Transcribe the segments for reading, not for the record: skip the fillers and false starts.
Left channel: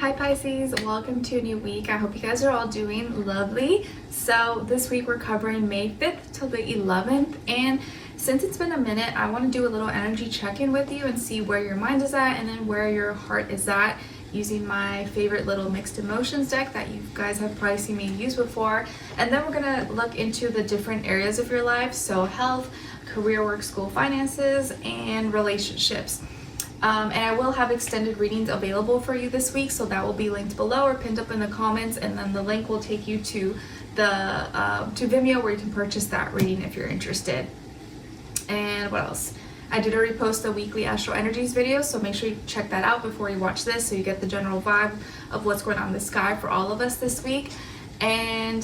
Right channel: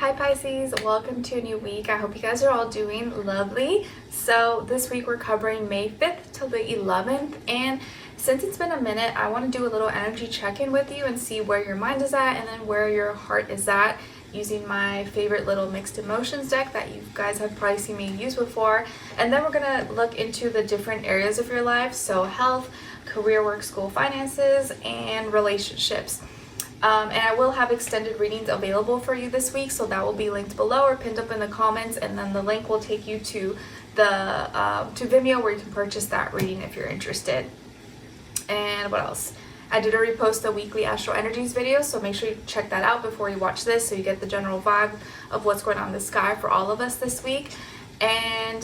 Hi Pisces, welcome to a new week. I hope you guys are all doing lovely. So this week we're covering May 5th till the 11th, and since it's been a minute, I want to do a little energy check-in with you and see where your mind is at and then where your heart is at, using my favorite little mixed emotions deck that you guys have probably seen me use before. And then we're going to look into the different areas of your life, so health, career, work, school, finances, and relationships. And I will have extended readings available for you this week, so that will be linked below or pinned up in the comments, and then the link will take you to the to Vimeo, where you can purchase that reading if you're interested. And what else? I did already post a weekly Astro Energies video, so make sure you check that out before you watch this, so you get the general vibe of what's going on in the sky for all of us this week. And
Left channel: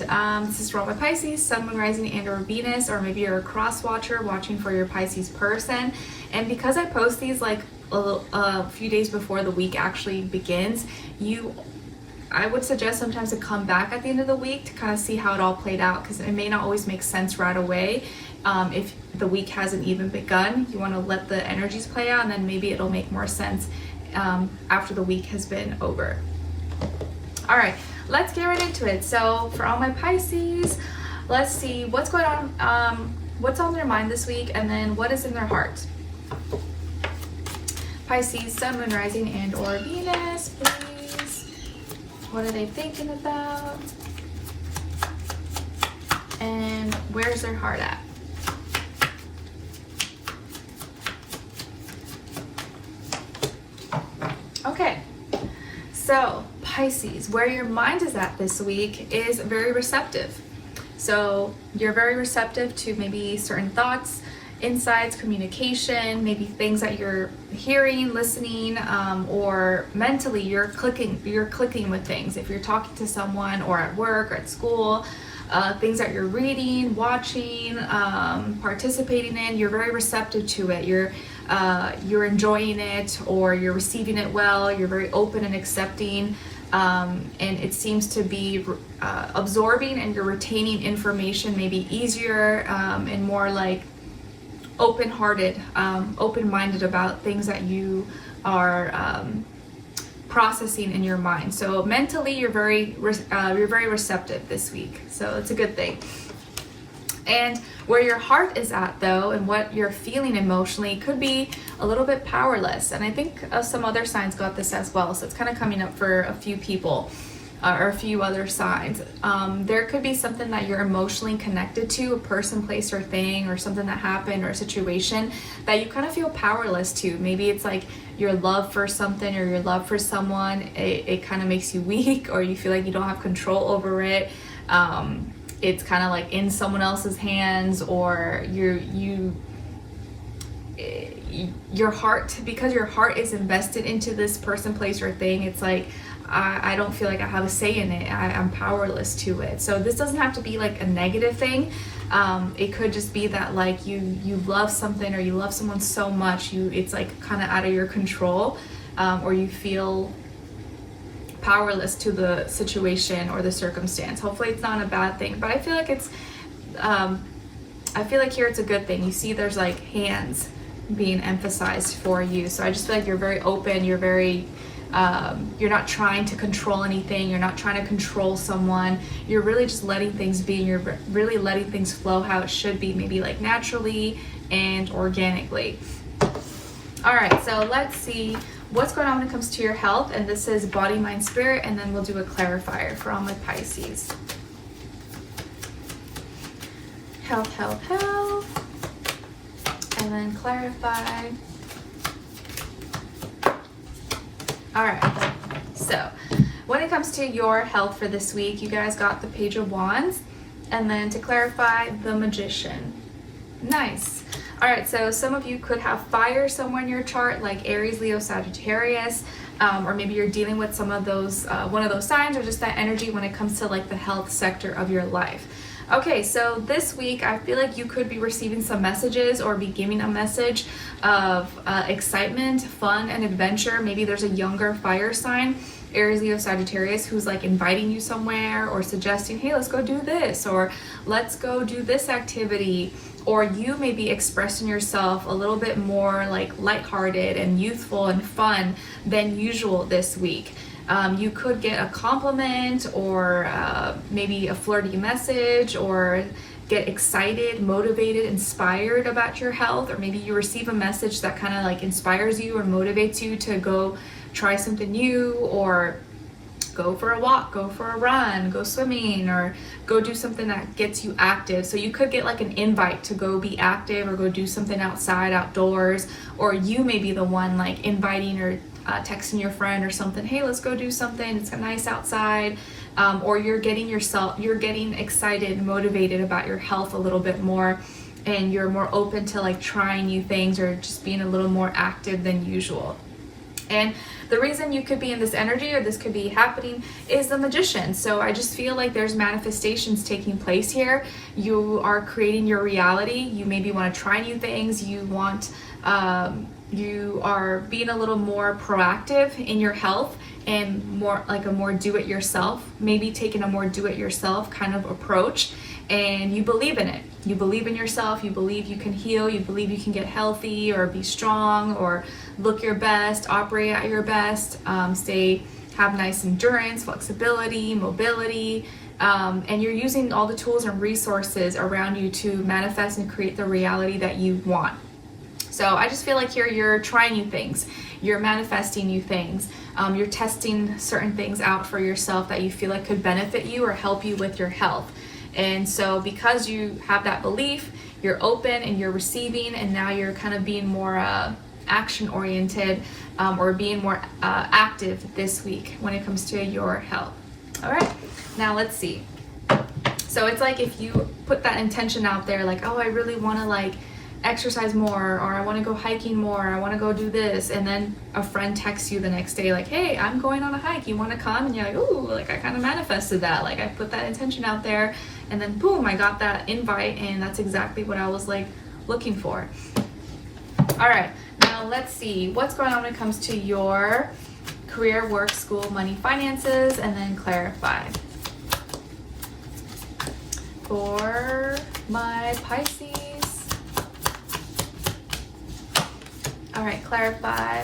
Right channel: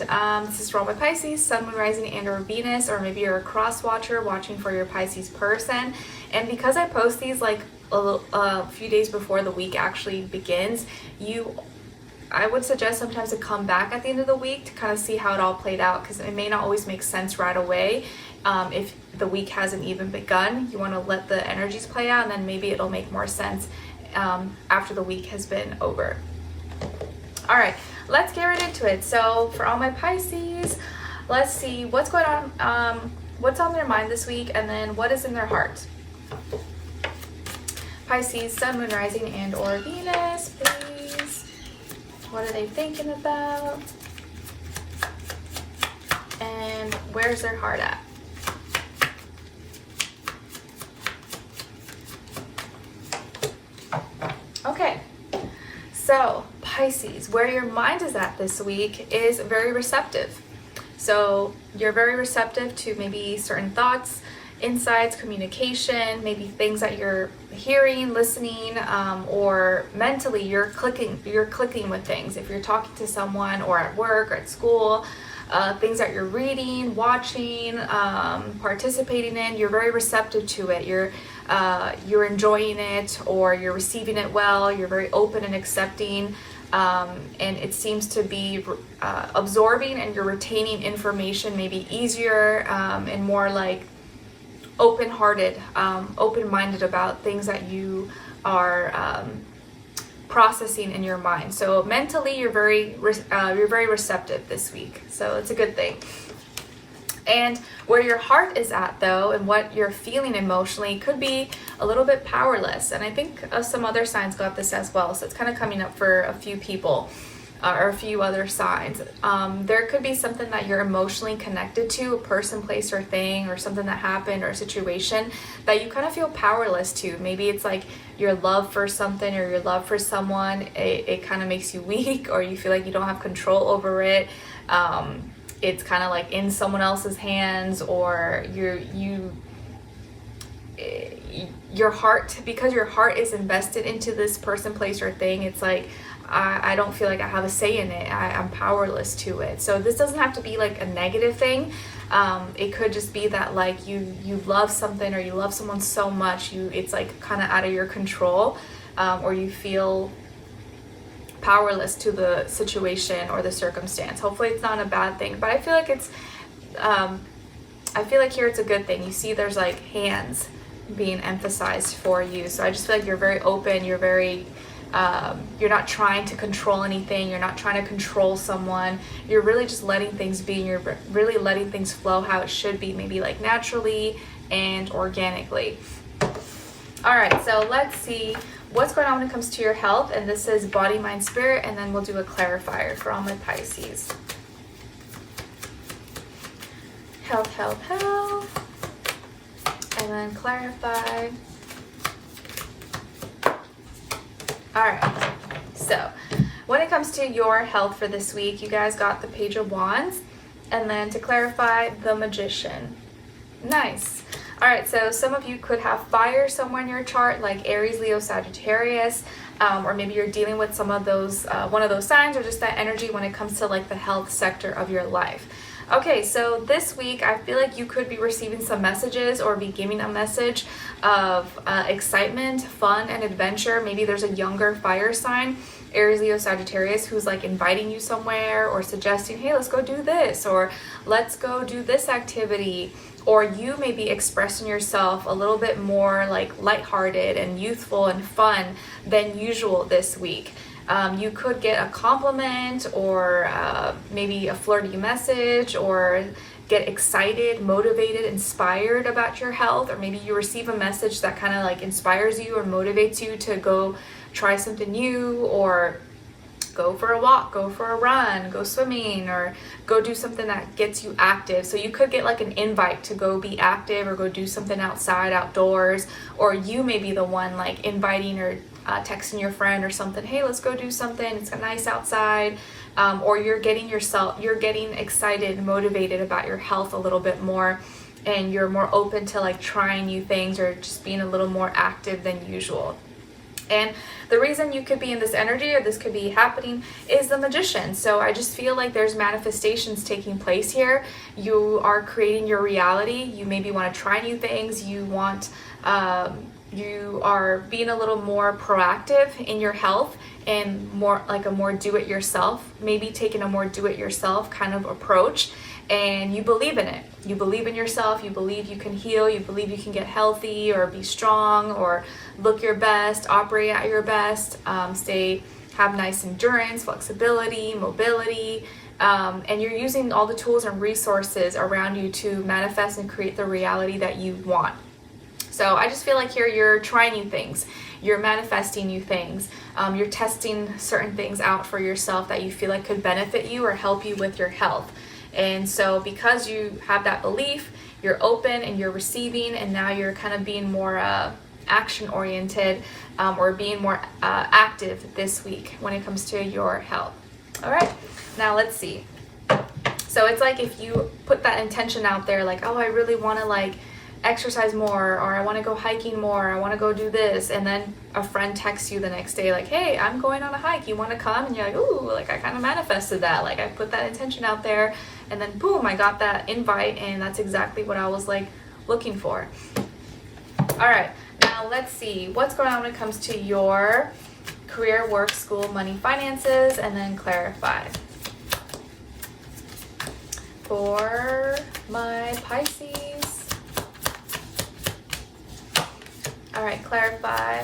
this is for all my Pisces, Sun, Moon, Rising, and or Venus, or maybe you're a cross watcher watching for your Pisces person. And because I post these like a few days before the week actually begins, I would suggest sometimes to come back at the end of the week to kind of see how it all played out, because it may not always make sense right away. If the week hasn't even begun, you want to let the energies play out, and then maybe it'll make more sense after the week has been over. All right, let's get right into it. So for all my Pisces, let's see what's going on, what's on their mind this week, and then what is in their heart. Pisces, Sun, Moon, Rising, and or Venus, please. What are they thinking about? And where's their heart at? Okay, so Pisces, where your mind is at this week is very receptive. So you're very receptive to maybe certain thoughts, insights, communication, maybe things that you're hearing, listening, or mentally you're clicking with things. If you're talking to someone or at work or at school, things that you're reading, watching, participating in, you're very receptive to it. You're enjoying it, or you're receiving it well. You're very open and accepting, and it seems to be absorbing, and you're retaining information maybe easier, and more like open-hearted, open-minded about things that you are processing in your mind. So mentally, you're very receptive this week. So it's a good thing. And where your heart is at, though, and what you're feeling emotionally, could be a little bit powerless. And I think some other signs got this as well. So it's kind of coming up for a few people. Or a few other signs. There could be something that you're emotionally connected to, a person, place, or thing, or something that happened, or a situation that you kind of feel powerless to. Maybe it's like your love for something or your love for someone, it kind of makes you weak, or you feel like you don't have control over it. It's kind of like in someone else's hands, or your heart, because your heart is invested into this person, place, or thing, it's like, I don't feel like I have a say in it. I'm powerless to it. So this doesn't have to be like a negative thing. It could just be that like you love something, or you love someone so much, it's like kind of out of your control, or you feel powerless to the situation or the circumstance. Hopefully it's not a bad thing, but I feel like I feel like here it's a good thing. You see there's like hands being emphasized for you. So I just feel like you're very open, you're very you're not trying to control anything, you're not trying to control someone, you're really just letting things be, you're really letting things flow how it should be, maybe like naturally and organically. All right, so let's see what's going on when it comes to your health, and this is body, mind, spirit, and then we'll do a clarifier for all my Pisces. Health, and then clarify. All right, so when it comes to your health for this week, you guys got the Page of Wands, and then to clarify, the Magician. Nice. All right, so some of you could have fire somewhere in your chart, like Aries, Leo, Sagittarius, or maybe you're dealing with some of those, one of those signs, or just that energy when it comes to like the health sector of your life. Okay, so this week I feel like you could be receiving some messages or be giving a message of excitement, fun, and adventure. Maybe there's a younger fire sign, Aries, Leo, Sagittarius, who's like inviting you somewhere or suggesting, hey, let's go do this, or let's go do this activity. Or you may be expressing yourself a little bit more like lighthearted and youthful and fun than usual this week. You could get a compliment or maybe a flirty message, or get excited, motivated, inspired about your health, or maybe you receive a message that kind of like inspires you or motivates you to go try something new, or go for a walk, go for a run, go swimming, or go do something that gets you active. So you could get like an invite to go be active or go do something outside, outdoors, or you may be the one like inviting or texting your friend or something, hey, let's go do something, it's nice outside. Or you're getting excited and motivated about your health a little bit more, and you're more open to like trying new things or just being a little more active than usual. And the reason you could be in this energy, or this could be happening, is the Magician. So I just feel like there's manifestations taking place here. You are creating your reality. You maybe want to try new things. You are being a little more proactive in your health, and more like a more do-it-yourself, maybe taking a more do-it-yourself kind of approach. And you believe in it. You believe in yourself. You believe you can heal. You believe you can get healthy or be strong or look your best, operate at your best, have nice endurance, flexibility, mobility. And you're using all the tools and resources around you to manifest and create the reality that you want. So I just feel like here you're trying new things. You're manifesting new things. You're testing certain things out for yourself that you feel like could benefit you or help you with your health. And so because you have that belief, you're open and you're receiving, and now you're kind of being more action oriented, or being more active this week when it comes to your health. All right, now let's see. So it's like if you put that intention out there, like, oh, I really want to like exercise more, or I want to go hiking more, I want to go do this, and then a friend texts you the next day like, hey, I'm going on a hike, you want to come? And you're like, ooh, like I kind of manifested that, like I put that intention out there, and then boom, I got that invite, and that's exactly what I was like looking for. All right, now let's see what's going on when it comes to your career, work, school, money, finances, and then clarify for my Pisces. All right, clarify.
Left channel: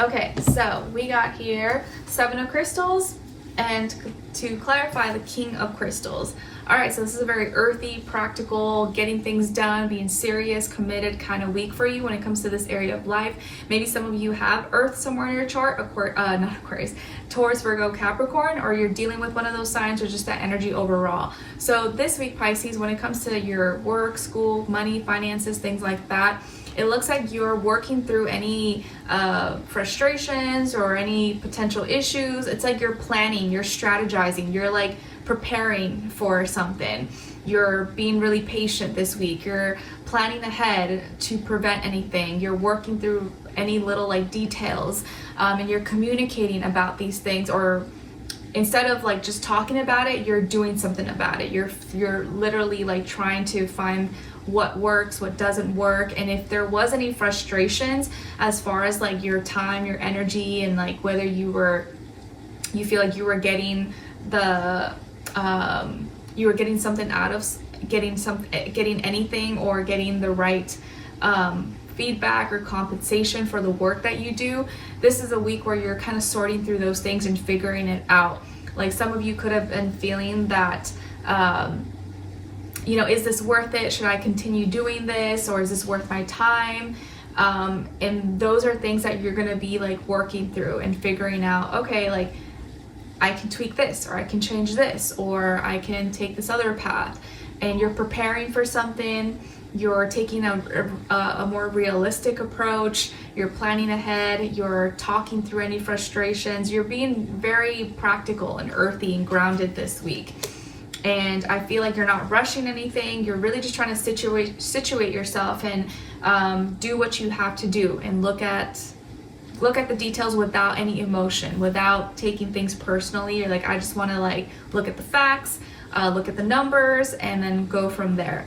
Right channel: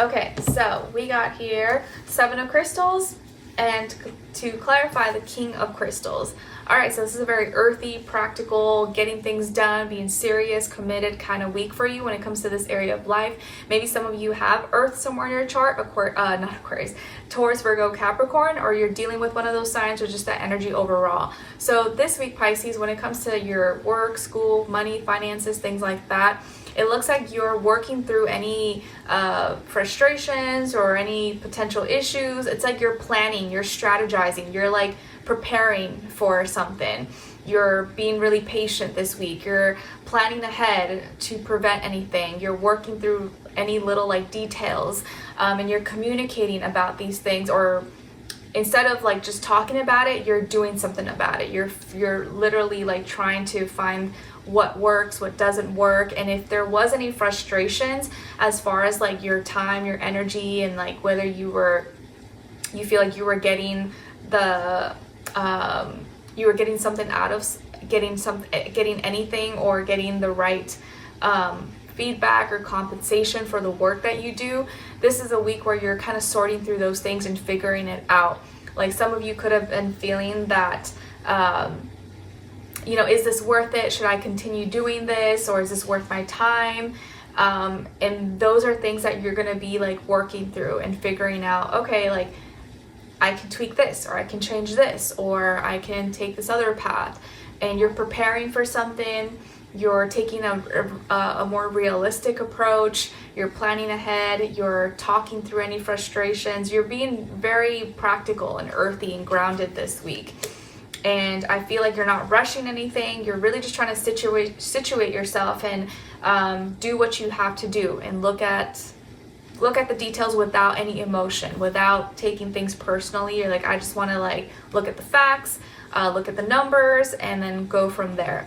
Okay, so we got here 7 of crystals, and to clarify, the King of crystals. All right, so this is a very earthy, practical, getting things done, being serious, committed kind of week for you when it comes to this area of life. Maybe some of you have Earth somewhere in your chart, not Aquarius, Taurus, Virgo, Capricorn, or you're dealing with one of those signs, or just that energy overall. So this week, Pisces, when it comes to your work, school, money, finances, things like that, it looks like you're working through any frustrations or any potential issues. It's like you're planning, you're strategizing, you're like preparing for something. You're being really patient this week. You're planning ahead to prevent anything. You're working through any little like details, and you're communicating about these things, or instead of like just talking about it, you're doing something about it. You're literally like trying to find what works, what doesn't work. And if there was any frustrations as far as like your time, your energy, and like whether you feel like you were getting you were getting something out of getting anything, or getting the right feedback or compensation for the work that you do, this is a week where you're kind of sorting through those things and figuring it out. Like some of you could have been feeling that is this worth it? Should I continue doing this, or is this worth my time? And those are things that you're going to be like working through and figuring out, okay, like I can tweak this, or I can change this, or I can take this other path. And you're preparing for something, you're taking a more realistic approach, you're planning ahead, you're talking through any frustrations, you're being very practical and earthy and grounded this week. And I feel like you're not rushing anything, you're really just trying to situate yourself and do what you have to do, and look at the details without any emotion, without taking things personally. You're like, I just want to like look at the facts, look at the numbers, and then go from there.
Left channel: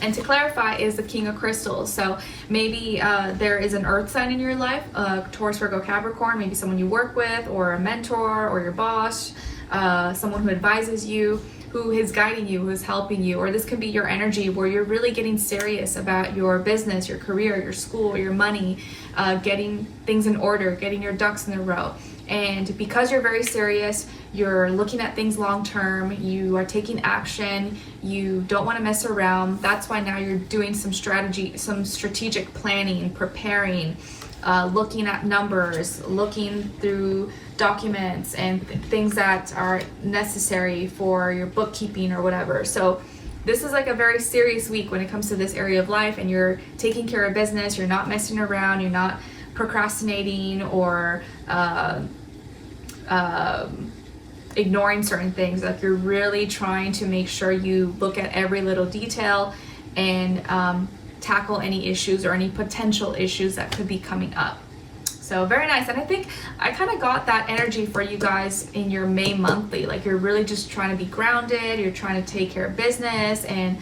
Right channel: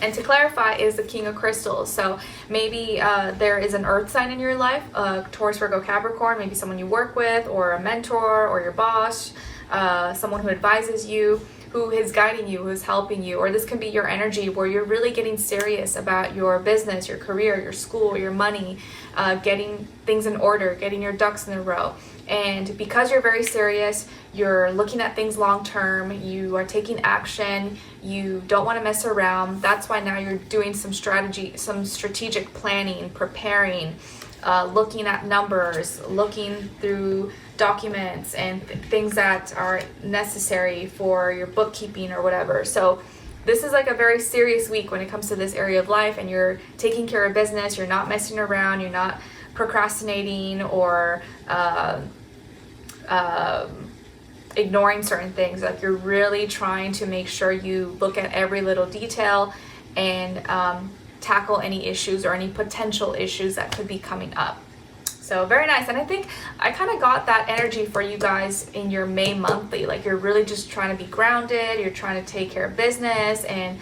And to clarify is the King of Crystals. So maybe there is an earth sign in your life, Taurus, Virgo, Capricorn, maybe someone you work with, or a mentor, or your boss, someone who advises you, who is guiding you, who's helping you. Or this can be your energy where you're really getting serious about your business, your career, your school, your money, getting things in order, getting your ducks in a row. And because you're very serious, you're looking at things long term, you are taking action, you don't want to mess around. That's why now you're doing some strategic planning, preparing, looking at numbers, looking through documents and things that are necessary for your bookkeeping or whatever. So this is like a very serious week when it comes to this area of life, and you're taking care of business, you're not messing around, you're not procrastinating or ignoring certain things. Like you're really trying to make sure you look at every little detail and tackle any issues or any potential issues that could be coming up. So very nice. And I think I kind of got that energy for you guys in your May monthly. Like you're really just trying to be grounded, you're trying to take care of business, and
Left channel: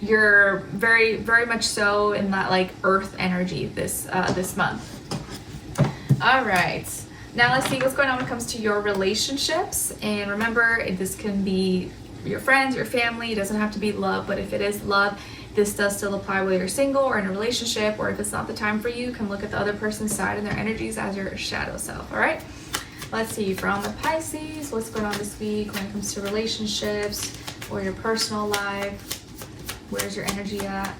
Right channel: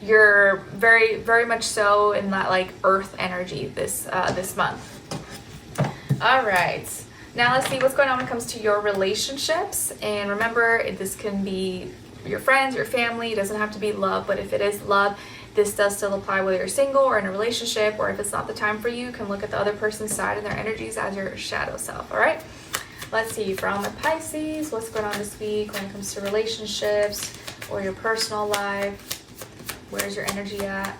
you're very, very much so in that like earth energy this month. All right. Now let's see what's going on when it comes to your relationships. And remember, this can be your friends, your family. It doesn't have to be love, but if it is love, this does still apply whether you're single or in a relationship, or if it's not the time for you, you can look at the other person's side and their energies as your shadow self. All right. Let's see, from the Pisces, what's going on this week when it comes to relationships or your personal life. Where's your energy at?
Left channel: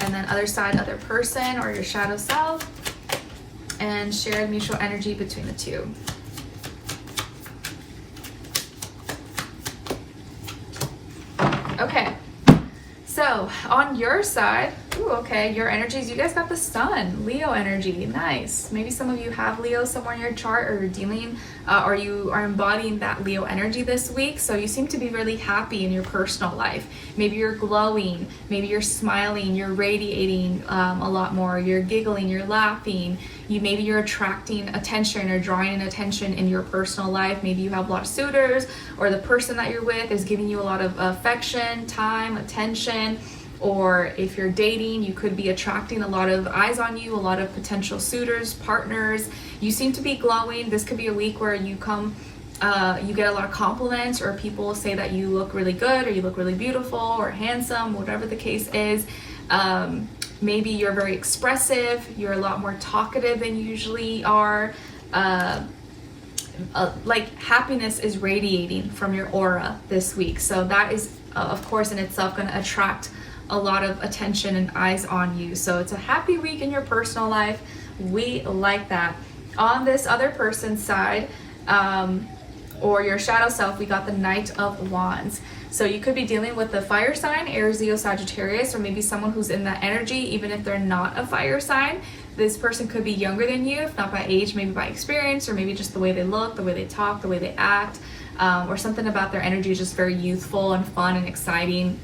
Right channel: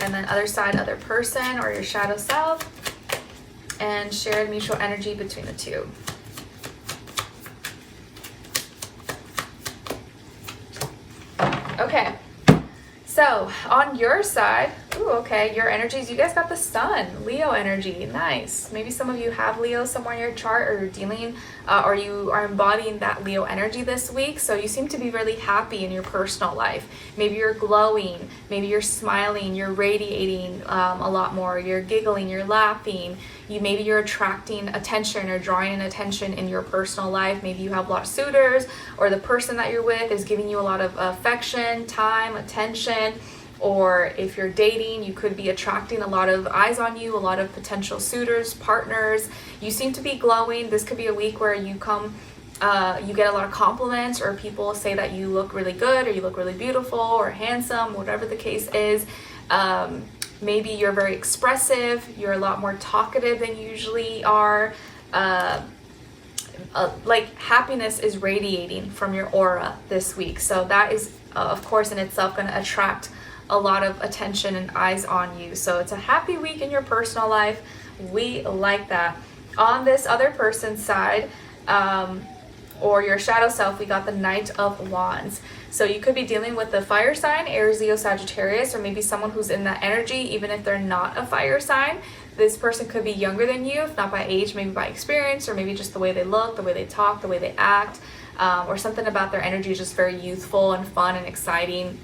And then other side, other person or your shadow self. And shared mutual energy between the two. Okay, so on your side, okay, your energies, you guys got the sun, Leo energy, nice. Maybe some of you have Leo somewhere in your chart, or you're dealing, or you are embodying that Leo energy this week. So you seem to be really happy in your personal life. Maybe you're glowing, maybe you're smiling, you're radiating a lot more, you're giggling, you're laughing. Maybe you're attracting attention or drawing in attention in your personal life. Maybe you have a lot of suitors, or the person that you're with is giving you a lot of affection, time, attention. Or if you're dating, you could be attracting a lot of eyes on you, a lot of potential suitors, partners. You seem to be glowing. This could be a week where you get a lot of compliments, or people say that you look really good, or you look really beautiful or handsome, whatever the case is. Maybe you're very expressive, you're a lot more talkative than you usually are. Like happiness is radiating from your aura this week. So that is, of course, in itself going to attract a lot of attention and eyes on you. So it's a happy week in your personal life. We like that. On this other person's side, or your shadow self, we got the Knight of Wands. So you could be dealing with the fire sign, Aries, Leo, Sagittarius, or maybe someone who's in that energy, even if they're not a fire sign. This person could be younger than you, if not by age, maybe by experience, or maybe just the way they look, the way they talk, the way they act, or something about their energy is just very youthful and fun and exciting.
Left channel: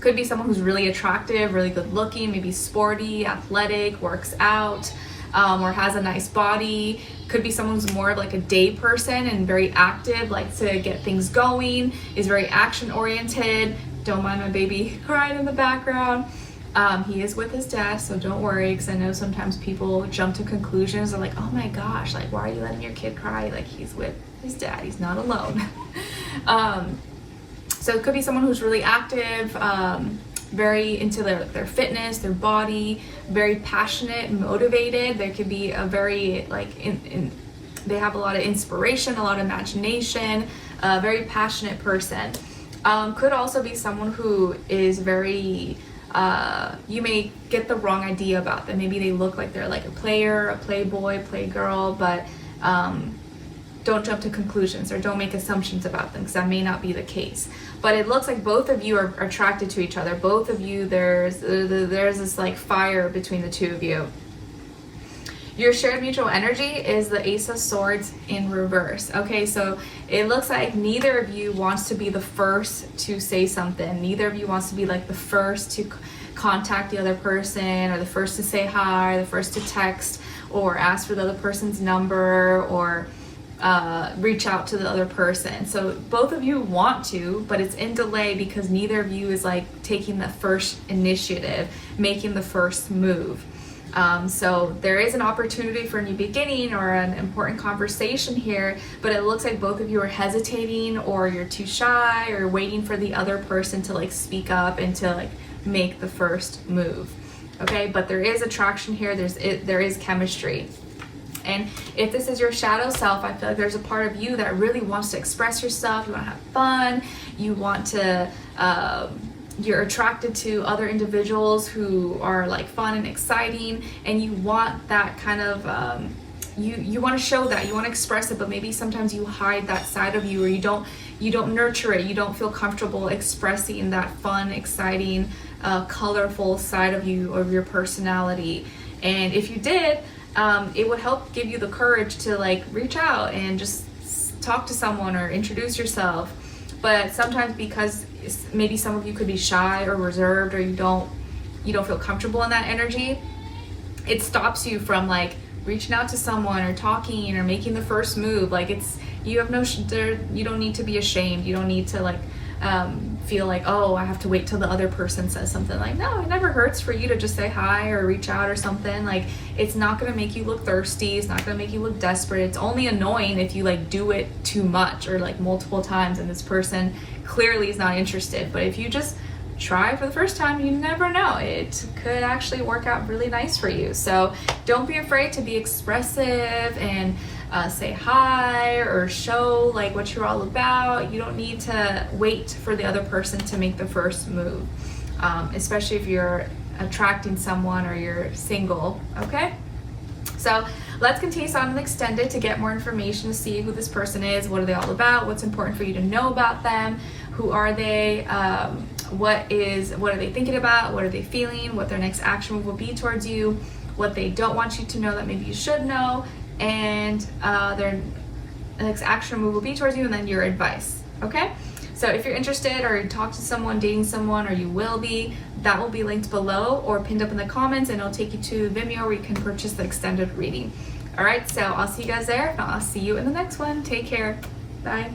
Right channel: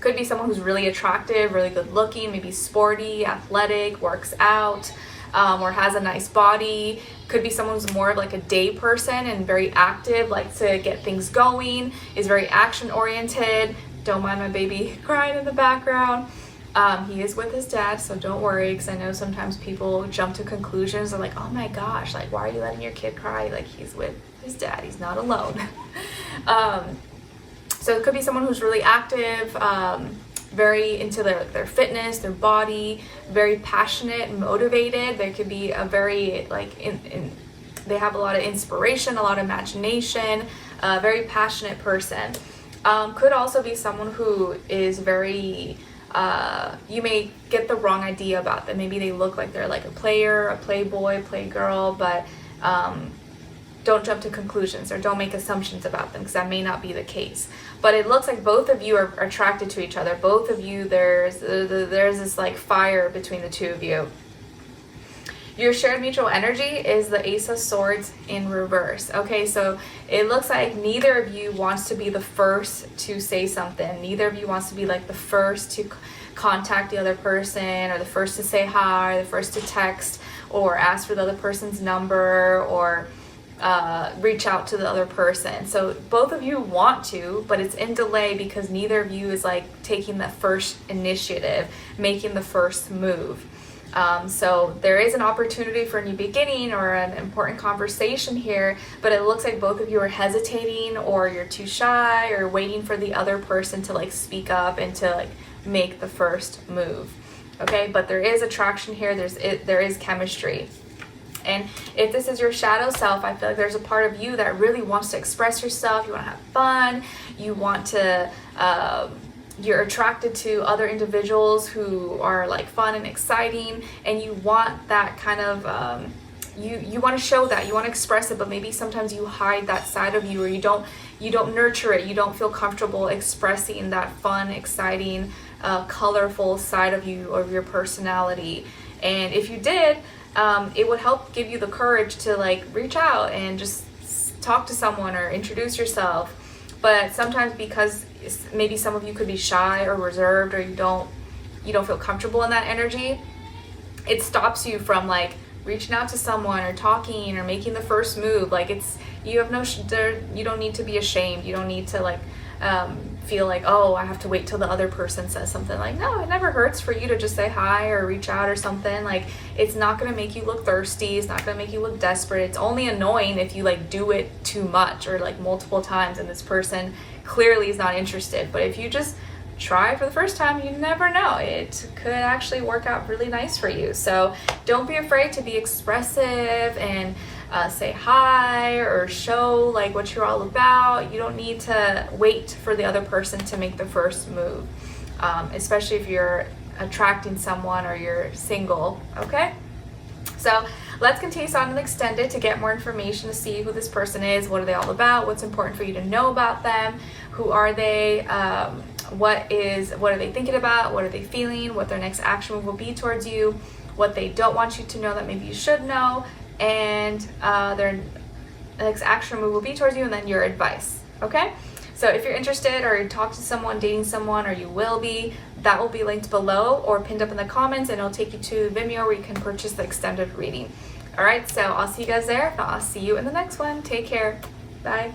Could be someone who's really attractive, really good looking, maybe sporty, athletic, works out, or has a nice body. Could be someone who's more of like a day person and very active, likes to get things going, is very action oriented. Don't mind my baby crying in the background. He is with his dad, so don't worry, because I know sometimes people jump to conclusions. They're like, oh my gosh, like, why are you letting your kid cry? Like, he's with his dad, he's not alone. So it could be someone who's really active, very into their fitness, their body, very passionate, motivated. They could be a very, like, they have a lot of inspiration, a lot of imagination, a very passionate person. Could also be someone who is very, you may get the wrong idea about them. Maybe they look like they're like a player, a playboy, playgirl, but don't jump to conclusions or don't make assumptions about them, because that may not be the case. But it looks like both of you are attracted to each other. Both of you, there's this like fire between the two of you. Your shared mutual energy is the Ace of Swords in reverse. Okay, so it looks like neither of you wants to be the first to say something. Neither of you wants to be like the first to contact the other person, or the first to say hi, the first to text, or ask for the other person's number, or reach out to the other person. So both of you want to, but it's in delay because neither of you is like taking the first initiative, making the first move. So there is an opportunity for a new beginning or an important conversation here, but it looks like both of you are hesitating, or you're too shy, or waiting for the other person to like speak up and to like make the first move. Okay, but there is attraction here. There is chemistry. And if this is your shadow self, I feel like there's a part of you that really wants to express yourself. You want to have fun. You want to, you're attracted to other individuals who are like fun and exciting, and you want that kind of, you want to show that, you want to express it, but maybe sometimes you hide that side of you, or you don't nurture it. You don't feel comfortable expressing that fun, exciting, colorful side of you, or your personality. And if you did, it would help give you the courage to like reach out and just talk to someone or introduce yourself. But sometimes, because maybe some of you could be shy or reserved, or you don't feel comfortable in that energy, it stops you from like reaching out to someone or talking or making the first move. Like you don't need to be ashamed. You don't need to like feel like, oh, I have to wait till the other person says something. Like, no, it never hurts for you to just say hi or reach out or something. Like, it's not going to make you look thirsty. It's not going to make you look desperate. It's only annoying if you like do it too much or like multiple times and this person clearly is not interested. But if you just try for the first time, you never know, it could actually work out really nice for you. So don't be afraid to be expressive and say hi or show like what you're all about. You don't need to wait for the other person to make the first move, especially if you're attracting someone or you're single. Okay, so let's continue on and extend it to get more information, to see who this person is, what are they all about, what's important for you to know about them, who are they, what are they thinking about, what are they feeling, what their next action move will be towards you, what they don't want you to know that maybe you should know, and their next action move will be towards you, and then your advice. Okay, so if you're interested, or you talk to someone, dating someone, or you will be, that will be linked below or pinned up in the comments, and it'll take you to Vimeo where you can purchase the extended reading. All right, so I'll see you guys there. If not, I'll see you in the next one. Take care. Bye.